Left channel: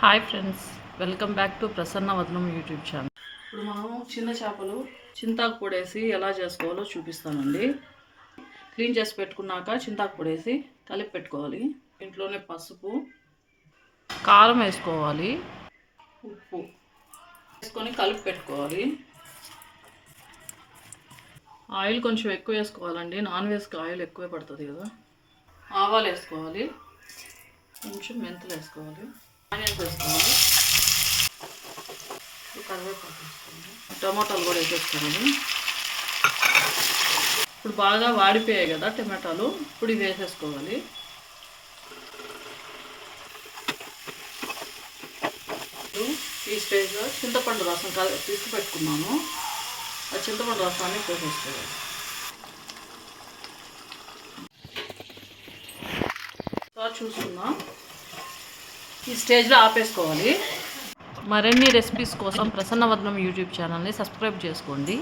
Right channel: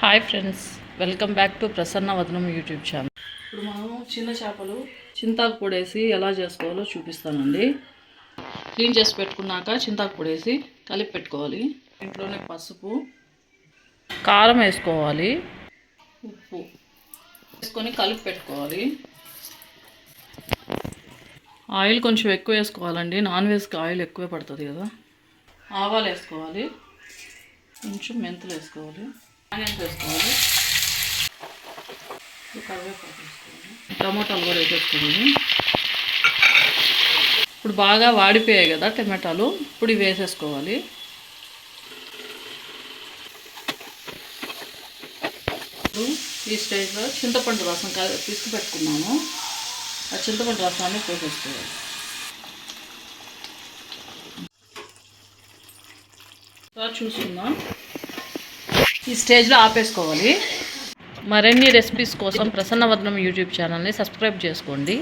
Hi friends, welcome back to Prasanna Vadanam YouTube channel. ఇప్పుడు మనం చిన్న చేపలు చింతాకు పొడేసి ఎలా చేసుకోవాలో చూపిస్తానండి. క్లీన్ చేసి పెట్టుకున్నాక చింతాకు పొడేసి కలిపి పెట్టుకోవాలి. ఇంట్లోనే పసుపు, కారం వేసుకోవాలి, ఉప్పు వేసుకొని కలిపి పెట్టుకోవాలి. ఆయిల్ కొంచెం ఎక్కువ వేసుకోవాలండి, నాన్ వెజ్కి ఆయిల్ ఎక్కువ పడుతుంది కదా. ఆవాలు వేసుకోవాలి, కొంచెం మెంతులు వేసుకోవాలి, ఆనియన్స్ వేసుకోవాలి, కరివేపాకు వేసుకోవాలి, టమాటాలు కూడా వేసేసుకోవాలి. ఇప్పుడు బాగా వాడిపోయాయి కదా టమాటాలు, ఇప్పుడు ఇవి వేసేసుకోవాలి. ఈ స్టేజ్లో చింతపండు రసం తీసుకు పెట్టుకున్నాము, ఆ చింతపండు రసాన్ని పోసేసుకోవాలి. చూసుకుందాం, ఈ స్టేజ్లో ఆపేసుకోవాలి. మరిన్ని రెసిపీస్ కోసం ప్రసన్న వదనం యూట్యూబ్ ఛానల్ని సబ్స్క్రైబ్ చేసుకోండి.